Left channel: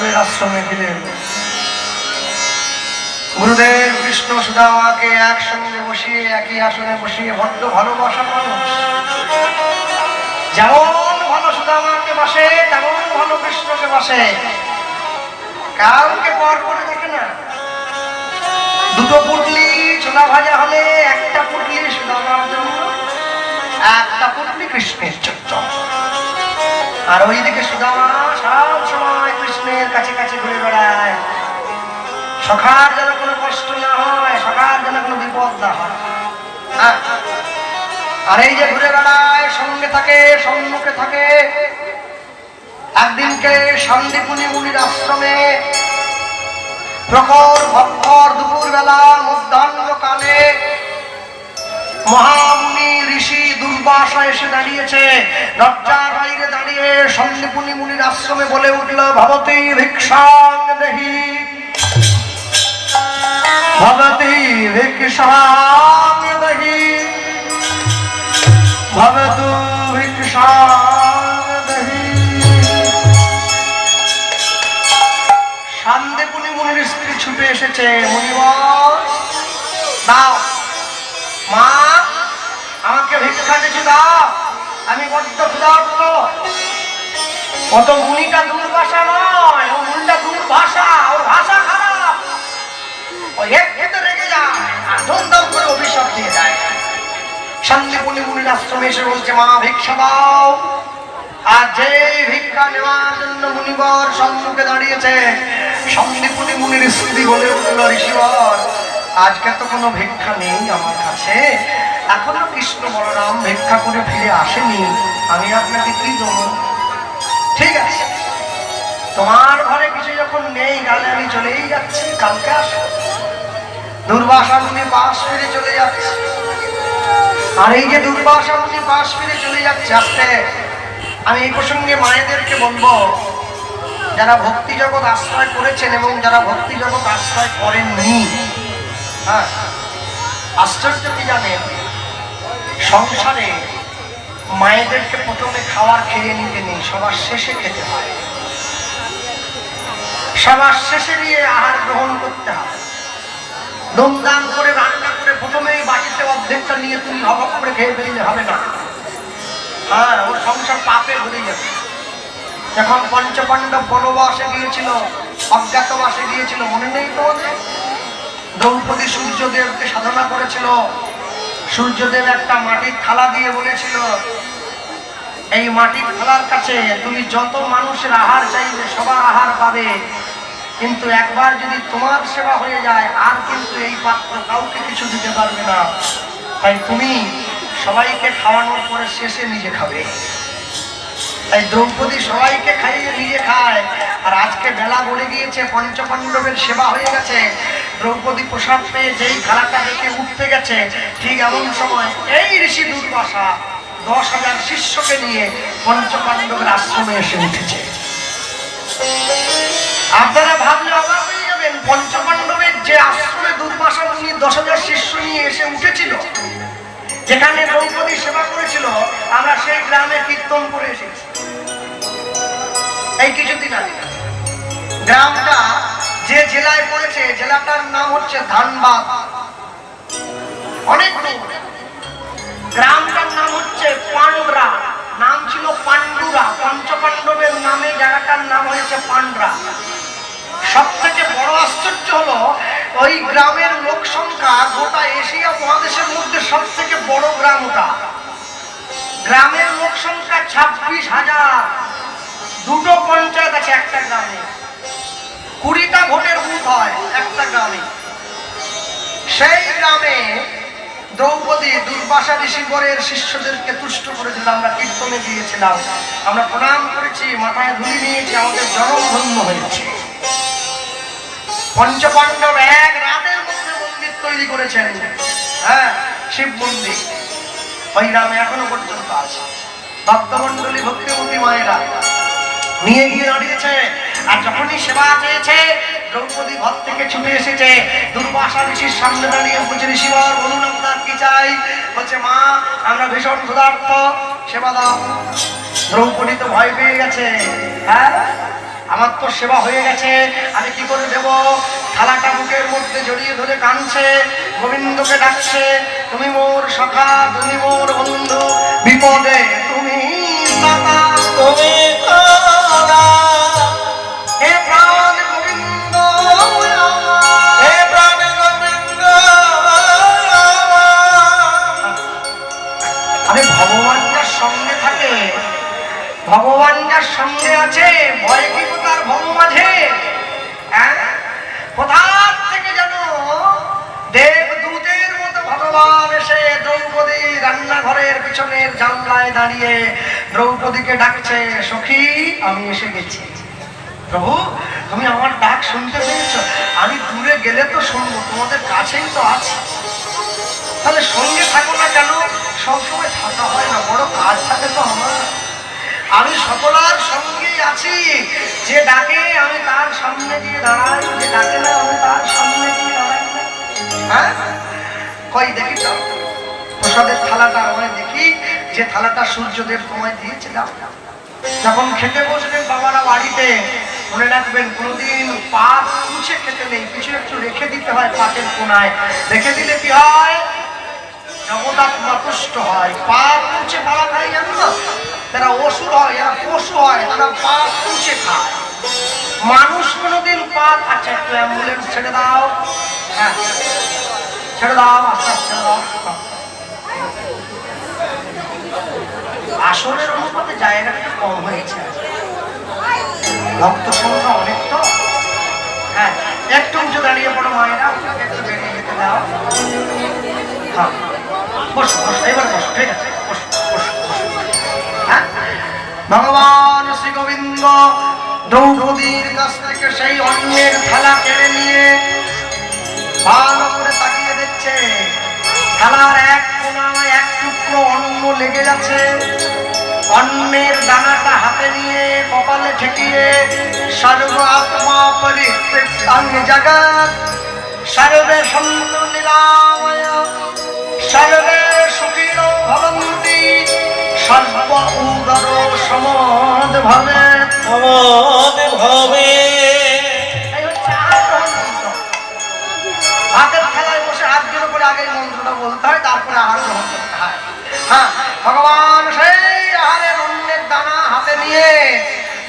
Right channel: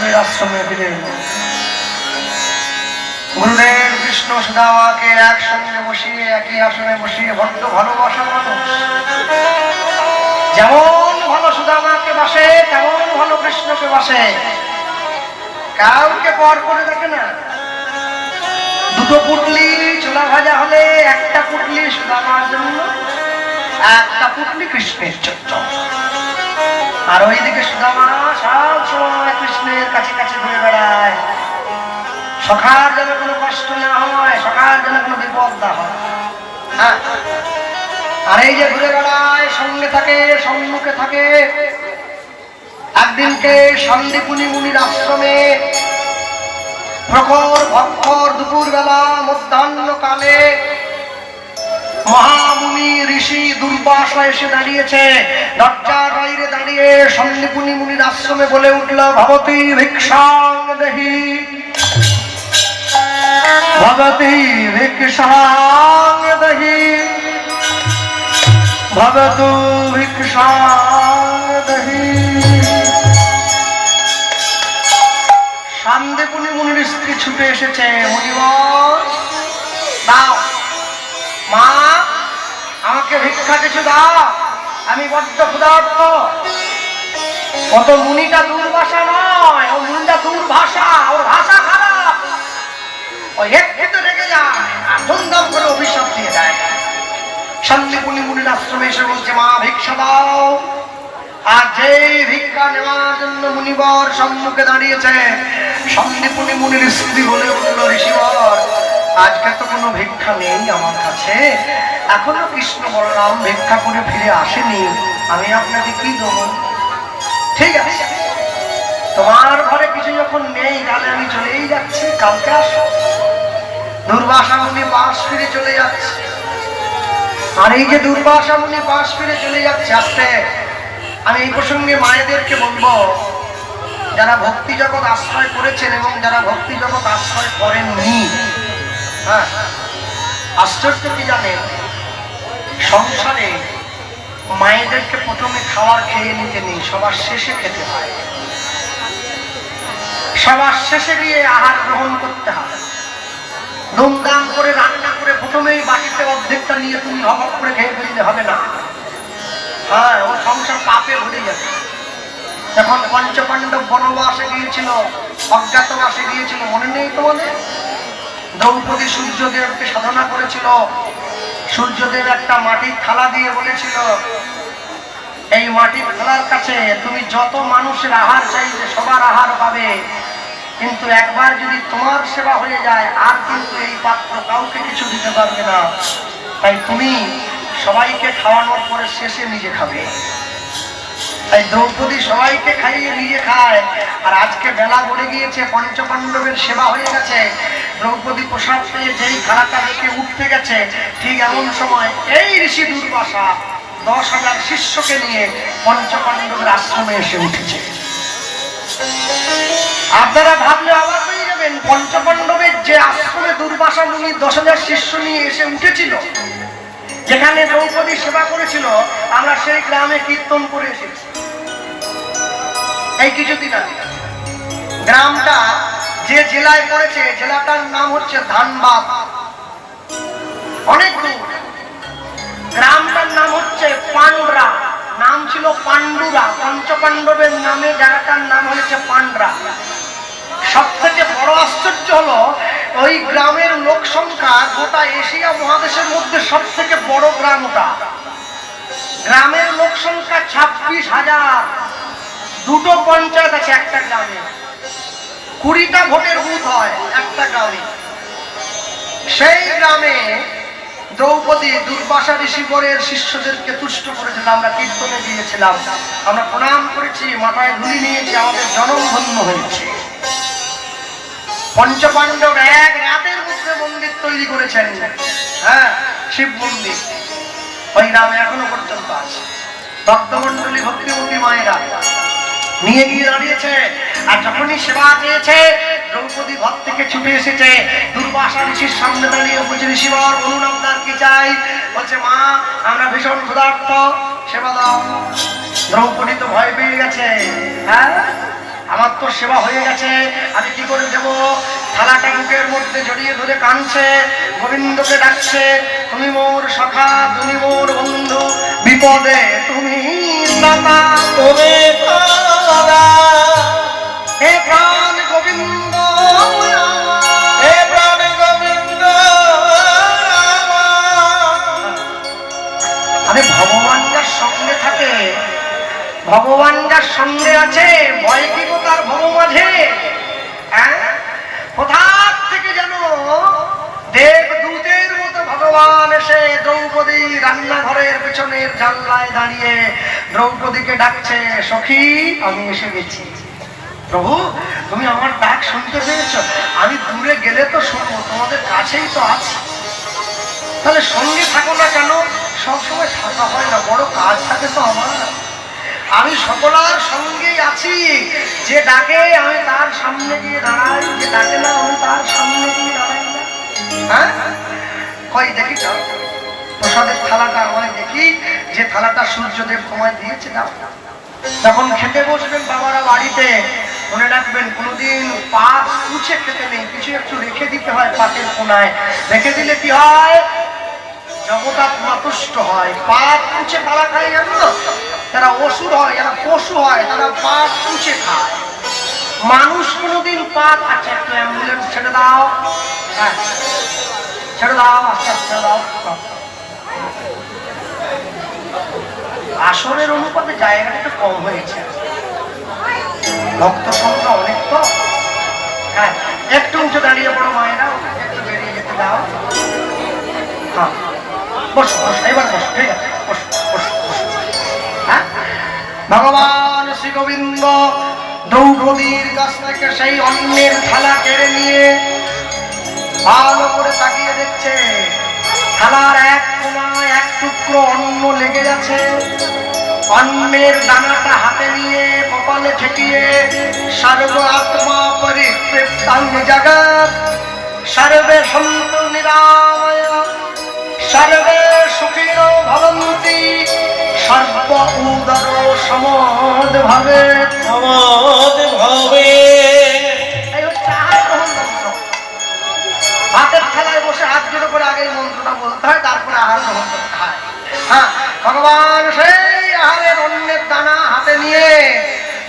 পাণ্ডবের আশ্রমে দিলেন। গুরুদেব কৃষ্ণ সুদামাকে একসঙ্গে বসিয়ে একই আসনে বসিয়ে বড্ড ভালোবাসে মানুষ। যেমন ভালো সুদামাকে বাসে তেমন ভালো কৃষ্ণকে বাসে। কাউকে পর করে দেখে না। দুটো পুটলি ছোলা ভাজা হলে একটা পুটলি সুদামার জন্য, একটা পুটলি কৃষ্ণের জন্য। আর ওইদিকে সুদামা সব সময় কৃষ্ণের কাছে কাছে ঘুরে বেড়ায়। সখার যেন কোনো কষ্ট না হয়, সখার যেন কোনো বিপদ না হয়। আর এই যে ঘুরে বেড়ায়, সঙ্গে থাকে, সম্মুখে থাকে। একদিনকে সন্দীপুনি মুনির আশ্রমে প্রখর ভক্ষর দুপুর বেলা মধ্যাহ্নকালে মহামুনি ঋষি দুর্বাসা এসে দাঁড়িয়েছে। দরজার বাইরে দাঁড়িয়ে সন্দীপুনি মুনির আশ্রমে বলে উঠল, ভবতী ভিক্ষাং দেহি, ভবতী ভিক্ষাং দেহি, ভবতু ভিক্ষাং দেহি। সন্দীপুনি মুনির স্ত্রী ছুটে এসেছে। মুনিবর দাও, মা আমাকে ভিক্ষা কিছু দাও, আমি বড্ড ক্ষুধার্ত। কত মুনিটা দুর্বাসা নয়, ও মুনিটা দুর্ভাষা, ওর ভাষা খারাপ। ও একটু রেগে যায় আর ধুমধাম করে অভিশাপ দিয়ে যায়। সন্দীপুনি মুনির আশ্রমে এসে বলছে, মা ভিক্ষা দাও। আর যেই ভিক্ষা নেওয়ার জন্য মুনিবর সম্মুখে দাঁড়িয়েছে, সন্দীপুনি মুনির স্ত্রী বলে উঠল, ঋষিবর আজকে তো কোনো ভিক্ষা নেই আমার কাছে, এখনো কৃষ্ণ বলরাম ভিক্ষা করে ফিরে আসেনি, আমি আপনাকে কি দেবো? ঠিক আছে, তোমার ঘরে কিছু যখন নেই তাহলে আমি চলেই যাচ্ছি, কালকে আসো। দুর্বাসা মুনি পাশ ফিরে চলে যাচ্ছে। আর এই যে দুর্বাসা মুনি পাশ ফিরে চলে যাচ্ছে, আসতে আমি এই প্রসঙ্গে মায়েদেরকে বলবো, যারা ভক্তি জগৎ আশ্রয় করেছেন এবং যারা ভক্তি জগৎ আশ্রয় করেননি, হ্যাঁ, আশ্চর্য কি জানেন, সংসারে মায়েদেরকে প্রথমে খাবার খেয়ে নিতে নেই, সবার শেষে খেতে হয়। সবার শেষে গিয়ে আহার গ্রহণ করতে হয়। ধুমধাম করে রান্না করে প্রথমেই বাড়িতে অর্ধেকটা নিয়ে তুমি অভাব করে খেয়ে ফেললে হবে না। হ্যাঁ, ও সংসার পাপে ভরে যাবে। যখন পঞ্চপাণ্ডব বনবাসে গিয়েছিল, অজ্ঞাতবাসে গিয়েছিল, মনে নেই তোমাদের? দ্রৌপদী সূর্যদেবকে সাধনা করেছিল। সূর্যদেব একটা মাটির থালা দিয়ে বলেছিল, এই মাটির থালার কাছে তুমি যত মানুষের আহার চাইবে সবার আহার পাবে, কিন্তু একবার যদি তোমার সেবা হয়ে যায় আর কিন্তু এই পাত্র কাউকে কিছু দিতে পারবে না, তাই তুমি সবাইকে খাওয়ানোর পরে শেষে নিজে খাবে। তাই দ্রৌপদী সবাইকে খাইয়ে নিজে খায়। আর আজকে বেলা বলে গিয়েছে, পঞ্চপাণ্ডবের সেবা হয়ে গেছে, দ্রৌপদী প্রসাদ পেয়ে যেই খারাপটা দেখে উঠতে গেছে, ঠিক এমন সময় এই ঋষি দুর্বাসা 10,000 শিষ্যকে নিয়ে পঞ্চপাণ্ডবের আশ্রমে এসে উঠেছে। আপনারা ভাবলে অবাক হয়ে যাবেন, পঞ্চপাণ্ডবের যে আশ্রমে দুর্বাসা মুনি 10,000 শিষ্য নিয়ে এসে উঠেছিল, যেখানে দ্রৌপদী সেবা করেছিল, আমরা সেই গ্রামে কীর্তন করে এসেছি এই কিছুদিন আগে। গ্রামটা যে জেলায় পড়েছে, জেলাটার নাম হচ্ছে ধানবাদ। অনেক দূর। গ্রামটার নাম হচ্ছে পান্ডরা, নাম ছিল পান্ডুরা। পঞ্চপাণ্ডবের নামে জায়গাটার নাম হয়েছে পান্ডরা। সব থেকে বড় আশ্চর্য হলো, ওই গ্রামের লোক সংখ্যা গোটা এশিয়া মহাদেশের মধ্যে সব থেকে বড় গ্রাম ওটা। গ্রামের লোক সংখ্যা 26,000। দুটো পঞ্চায়েত আছে একটা গ্রামে, 20টা ভোটের বুথ হয় একটা গ্রামে। সেই গ্রামে দ্রৌপদী দুর্বাসা ঋষিবরের শিষ্যদেরকে তুষ্ট করেছিল। আমরা কীর্তনে গিয়েছিলাম, আমরা প্রণাম করেছি, মাথায় ধুলি দিয়েছি, আমাদের জনম ধন্য হয়েছে। পঞ্চপাণ্ডব এক রাতের মধ্যে মন্দির তৈরি করেছেন, হ্যাঁ, শিব মন্দির। ওই গ্রামে এখনো পর্যন্ত আছে। ভক্তমন্ডলী ভক্তিমতী মায়েরা নিয়ে গিয়ে দাঁড়িয়েছে। আর যখনই সেবা চেয়েছে, দ্রৌপদী ঘর থেকে ছুটে এসেছে, দুর্বাসা ঋষির সামনে দাঁড়িয়ে বলছে, ঋষিবর বলুন আপনার কি চাই? বলছে, মা আমরা ভীষণ ক্ষুধার্ত, সেবা দাও। দ্রৌপদী তো ভয় পেয়ে গেছে, হ্যাঁ, আমার তো সেবা হয়ে গেছে, আমি কি করে দেব? থালাটা মুখের মধ্যে জড়িয়ে ধরে কাঁদছে, গোবিন্দকে ডাকছে, তুমি মোর সখা, তুমি মোর বন্ধু, বিপদে তুমি দাতা, তুমি তারা, হে প্রাণ গোবিন্দ হে প্রাণ গোবিন্দ আমি ভগবান যার সঙ্গে থাকে, ভগবান যার সঙ্গে আছে, ভয় কি তার ভব মাঝে? কোথার থেকে যেন দেবদূতের মতো ভগবান এসে দ্রৌপদী রান্নাঘরের পেছনের জানলায় দাঁড়িয়ে দ্রৌপদীকে ডাকছে, সখী আমি এসে গেছি। প্রভু তুমি আমার ডাক শুনতে পেয়েছ? আমি দূরে গেলে তো শুনবো, তোমাদের কাছেই তো আছি, তাহলে সঙ্গে থাকো না কেন? সবসময় থাকা হয় না, বড় কাজ থাকে তো আমার। আমি সকলার সঙ্গেই আছি, যে ডাকে আমি তার সামনে গিয়ে দাঁড়াই, যে ডাকে না আমি তার সামনে গিয়ে দাঁড়াই না। হ্যাঁ কই দেখি তো প্রসাদের থালাটা, আমায় দেখি যে থালাটা সূর্যদেব তোমায় দিয়েছে। যখন খেতে বসবেন বাবারা বাড়িতে, মনে রাখবেন কোনোদিন পাত কুচে খেতে নেই, কিছু একটু রেখে দিতে হয় পাতের কোনায়। রেখে দিলে কি হয়? জগদাত্মা তুষ্ট হয়। পাত কুচে খাওয়া খাই জানো না, তারা অসুর হয়, যারা পশু হয় তারা পাত কুচে খায়। মানুষ কোনোদিন পাত, আচ্ছা একটু অ্যাম্বুলেন্স ছেড়ে দাও, হ্যাঁ ছেড়ে দাও, আস্তে আস্তে দাও। আসরের অনুপাতে জায়গাটা একটু কম হয়েছে, রক্ত সংখ্যা অনেক তো। হ্যাঁ একটু উঁচু দাঁড়িয়ে পড়ো মায়েরা, একটু বেরিয়ে যেতে দাও। হ্যাঁ বসো বসো, এবার বসো, ঠিক আছে বসো বসো। হ্যাঁ ভগবান শ্রী গোবিন্দ দ্রৌপদীর কাছ থেকে সেই অন্নের থালা কেড়ে নিয়ে ভালো করে তাকিয়ে দেখছে, থালার এক কোনায় এক টুকরো অন্ন লেগে যাচ্ছে। অন্নের দানাটা হাতে নিয়ে কপালে ঠেকিয়ে সর্ব আত্মা পরিতৃপ্তাং জগৎ সর্বে সন্তু নিরাময় সর্বে সুখিনো ভবন্তি সর্ব উদর সমদ ভবে সমদ ভবে। হাতের থালায় বসে হাত জোড়ো করে আগে মন্ত্রটা বলতে হয়, তারপরে আহার গ্রহণ করতে হয়। হ্যাঁ ভগবান সেই আহারের অন্নের দানা হাতে নিয়ে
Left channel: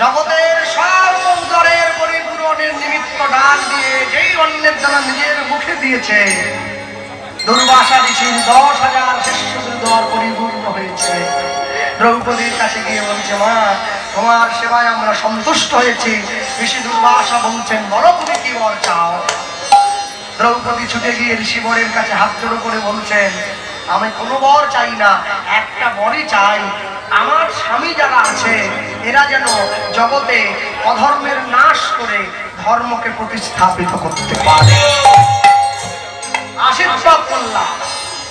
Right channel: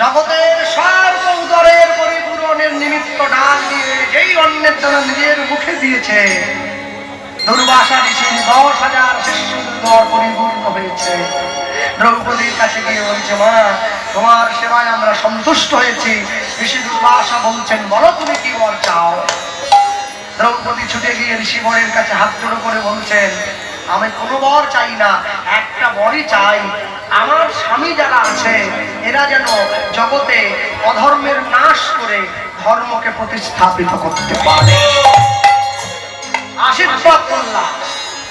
জগতের সর্ব উদরের পরিপূরণের নিমিত্ত ডাক দিয়ে যেই অন্নের দানা নিজের মুখে দিয়েছে, দুর্বাসা ঋষির 10,000 শিষ্যদের দর পরিপূর্ণ হয়েছে। দ্রৌপদীর কাছে গিয়ে বলছে, মা তোমার সেবায় আমরা সন্তুষ্ট হয়েছি। ঋষি দুর্বাসা বলছেন, বলো তুমি কি বর চাও? দ্রৌপদী ছুটে গিয়ে ঋষি বরের কাছে হাত জোড়ো করে বলছেন, আমি কোনো বর চাই না, একটা বরই চাই, আমার স্বামী যারা আছে এরা যেন জগতে অধর্মের নাশ করে ধর্মকে প্রতিস্থাপিত করতে পারে। আশীর্বাদ করলাম,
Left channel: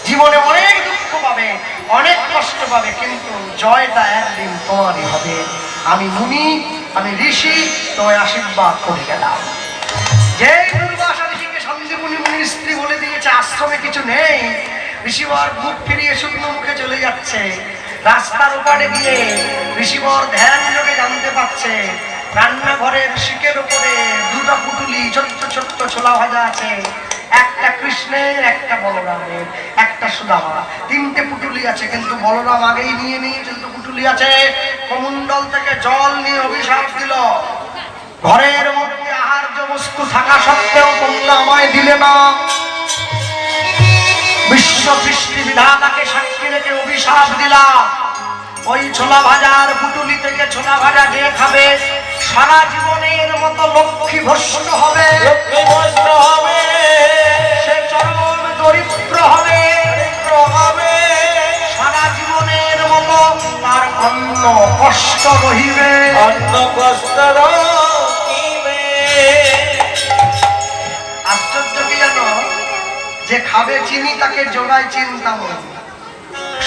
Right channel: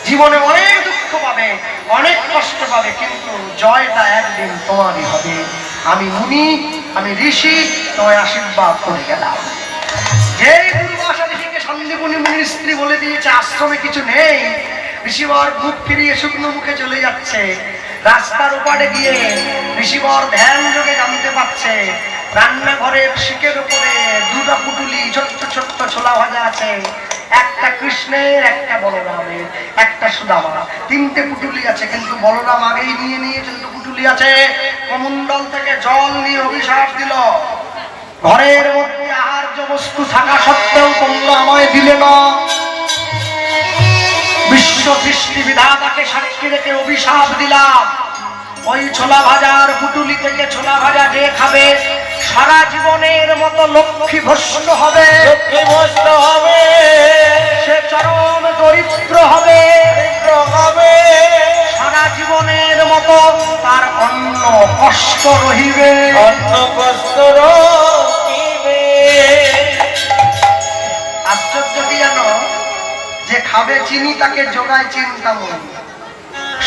জীবনে অনেক দুঃখ পাবে, অনেক কষ্ট পাবে, কিন্তু জয়টা একদিন তোমারই হবে। আমি মুনি, আমি ঋষি, তোমায় আশীর্বাদ করে গেলাম। যেই দুর্বাসা ঋষিকে সন্দীপনী মুনির স্ত্রী বলে দিয়েছে আশ্রমে কিছু নেই, ঋষিবর মুখ ফিরিয়ে শুকনো মুখে চলে যাচ্ছে। রাস্তার ওপারে গিয়ে ঋষিবর ধ্যান যোগে জানতে পারছে রান্নাঘরের শিকের উপরে দুটো পুটুলি ছোট্ট ছোট্ট ছোলা ভাজা আছে, একটা কৃষ্ণের, একটা বলরামের, একটা সুদামা। 3টে পুটুলি আছে, কিন্তু বলরাম আগেই নিয়ে নিয়েছে। দুটো পুটুলি আছে, কমণ্ডল থেকে জল নিয়ে অভিশাপ দিল, ঘরের মধ্যে আহার্য বস্তু থাকা সত্ত্বেও তোমরা আমায় দিলে না। বিশ্ব সৃষ্টি বিধাতাকে সাক্ষী রেখে অভিশাপ দিলাম, ওই ছোলা ভাজার পুটুলি থেকে ছোলা ভাজা যে খাবে সারা জীবনের মতো লক্ষ্মী ভ্রষ্ট হবে, সে চরম দরিদ্র হবে, সারা জীবনের মতো তার অন্ন কষ্ট রহিবে, অন্ন কষ্ট রহিবে। আশ্চর্য কি জানো, যে খাবে চিনি তাকে জোগায় চিন্তামণি।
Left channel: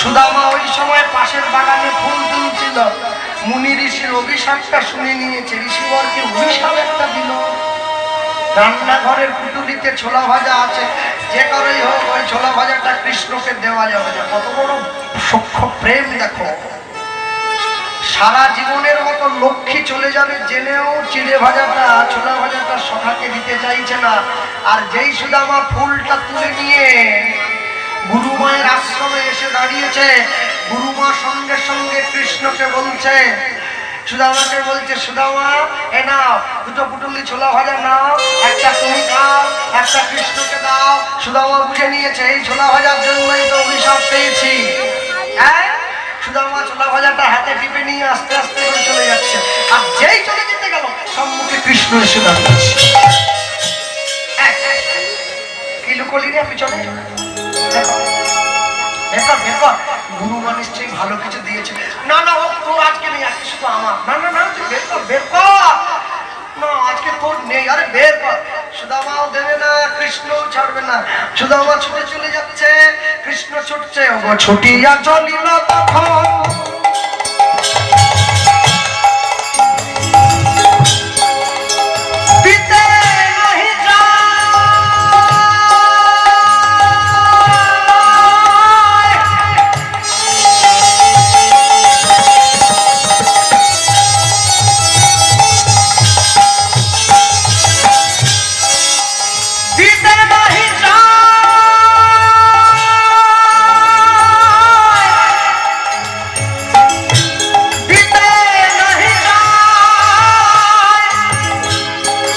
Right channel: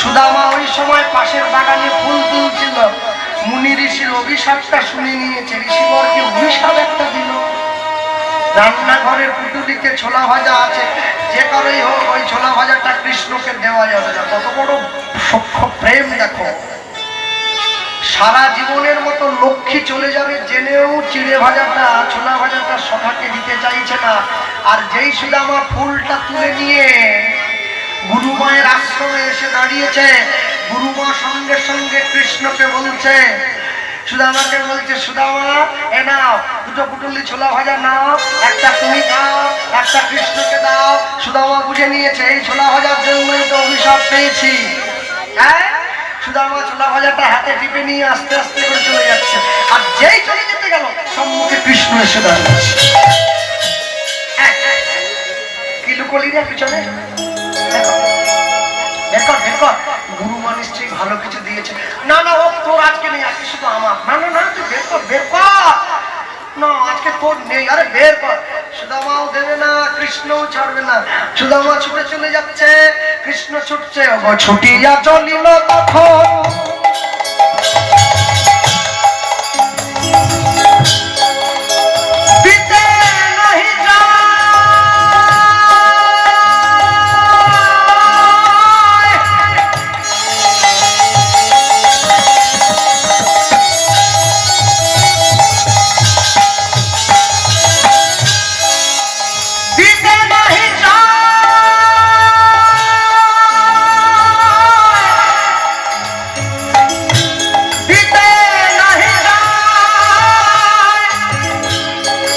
সুদামা ওই সময় পাশের বাগানে ফুল তুলছিল, মুনি ঋষির অভিশাপটা শুনে নিয়েছে। ঋষিবরকে অভিশাপ একটা দিল, রান্নাঘরের পুটুলিতে ছোলা ভাজা আছে, যে করেই হোক ওই ছোলা ভাজাটা কৃষ্ণকে দেওয়া যাবে না। কত বড় সূক্ষ্ম প্রেম দেখো। সারা জীবনের মতো লক্ষ্মী চলে যাবে জেনেও চিড়ে ভাজাটা ছোলা ভাজাটা সভাকে দিতে চাইছে না। আর যেই সুদামা ফুলটা তুলে নিয়ে গুরুমায়ের আশ্রমে এসে দাঁড়িয়েছে, গুরুমা সঙ্গে সঙ্গে কৃষ্ণকে বলছে, সুদামাকে বলছে, সুদামা এ নাও দুটো পুটুলি ছোলা ভাজা নাও, একটা তুমি খাও, একটা কৃষ্ণকে দাও। সুদামা বুঝে নিয়েছে এই ছোলা ভাজার জন্যই তো অভিশাপ পেয়েছি। হ্যাঁ, সুদামা ছোলা ভাজাটা হাতে টিপে নিয়ে আস্তে আস্তে করে চলে যাচ্ছে। আর যেই চলে যেতে গেল সম্মুখে কৃষ্ণ এসে দাঁড়িয়েছে। কি লুকোলি রে পিছনে? গুরুমা নিশ্চয়ই ভালো কিছু দিয়েছে। না না, ও তোর আজকে নেই, আজকে শুধু আমার। না না না, তুই বের কর, বের কর। না, আজকে তোর নেই, আরে বের কর। সুদামাও দেবে না, কৃষ্ণও ছাড়বে না। সুদামা ছুটে চলে যাচ্ছে, কৃষ্ণ ছুটছে। ও ছুটিয়া চলিল তখন দিতে নাহি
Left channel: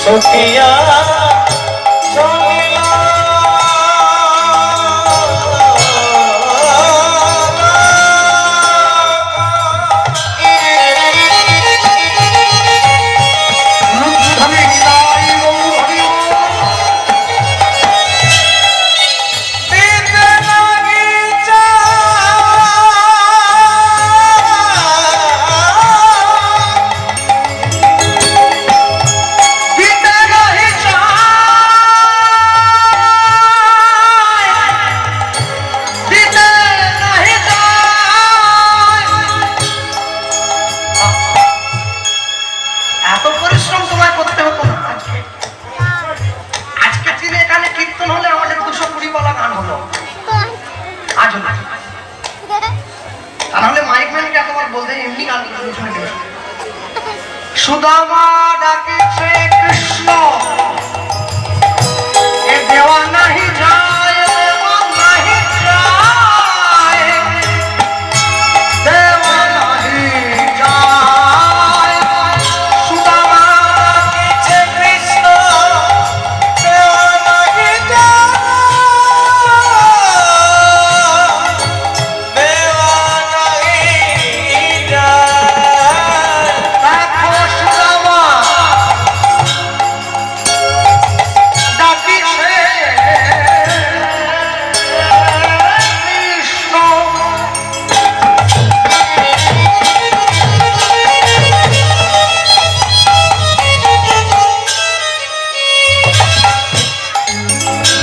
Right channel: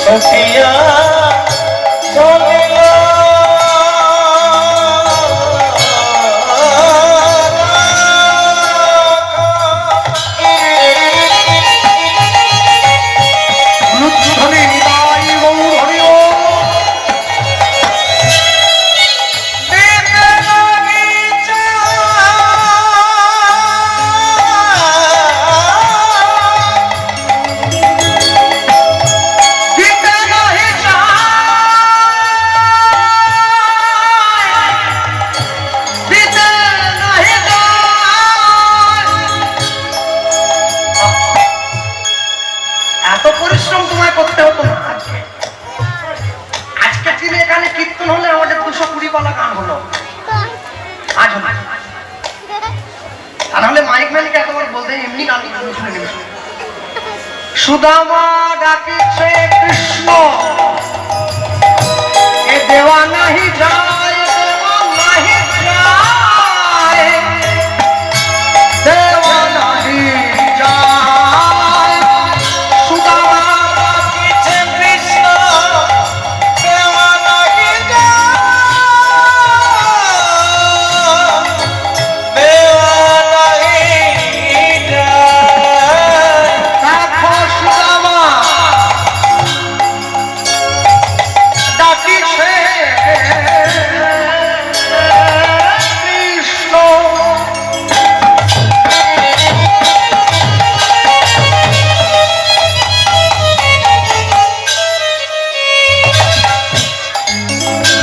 ছুটিয়া চলিল সুদামা ডাকিছে কৃষ্ণ, এ দেওয়া নাহি যায়, দেওয়া নাহি যায়, দেওয়া নাহি যায়। সুদামা ডাকিছে কৃষ্ণ, দেওয়া নাহি যায়, দেওয়া নাহি যায়। দেখো সুদামা ডাকিছে কৃষ্ণ,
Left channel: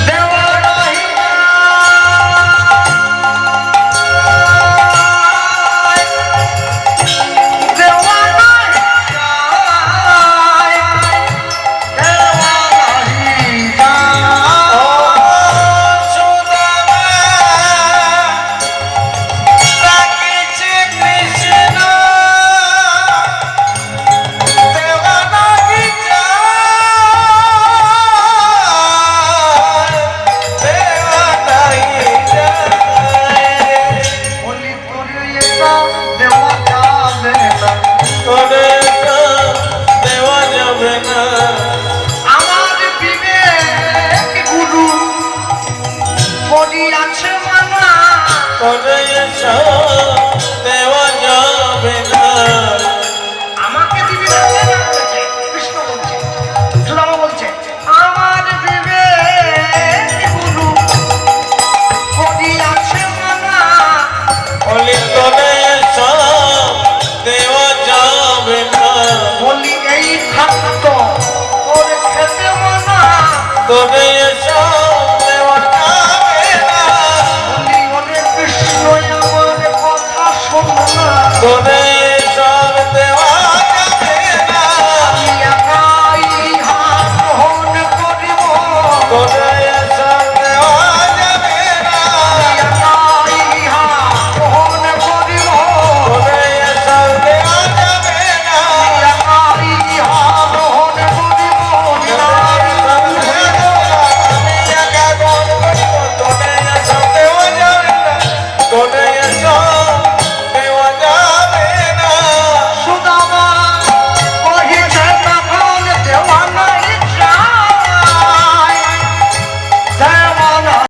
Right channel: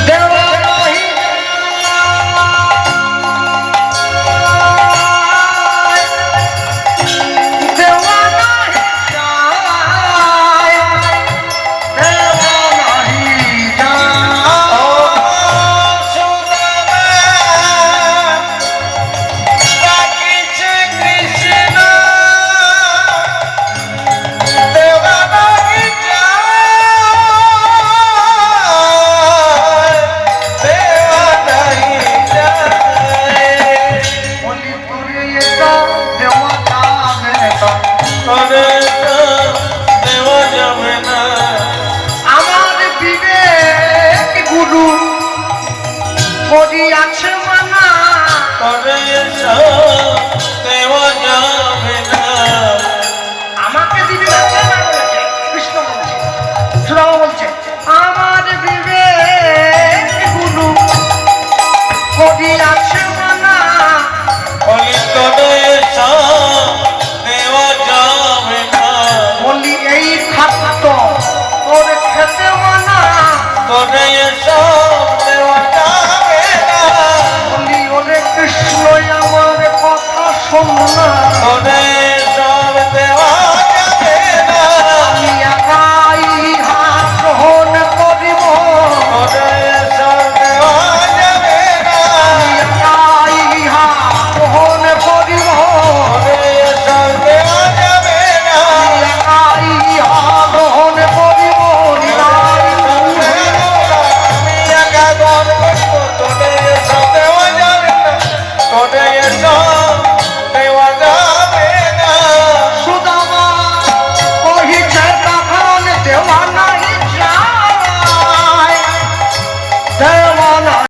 দেওয়া নাহি যায়, দেওয়া নাহি যায়, দেওয়া নাহি যায়। সুদামা ডাকিছে কৃষ্ণ, দেওয়া নাহি যায়, দেওয়া নাহি যায়। বলি তোরে এটা দেওয়া যাবে না, তবে তো দেওয়া যাবে না। আমার বিবেক গুরু করিয়াছে মানা, তবে তো দেওয়া যাবে না। আমাকে দিবি না কে না বলছে? কৃষ্ণ বলছে, সুদামা বলছে, আমার বিবেক গুরু করিয়াছে মানা, বলি তবে তো দেওয়া যাবে না। বলি এই খাদ্য তোর খেতে মানা, তবে তো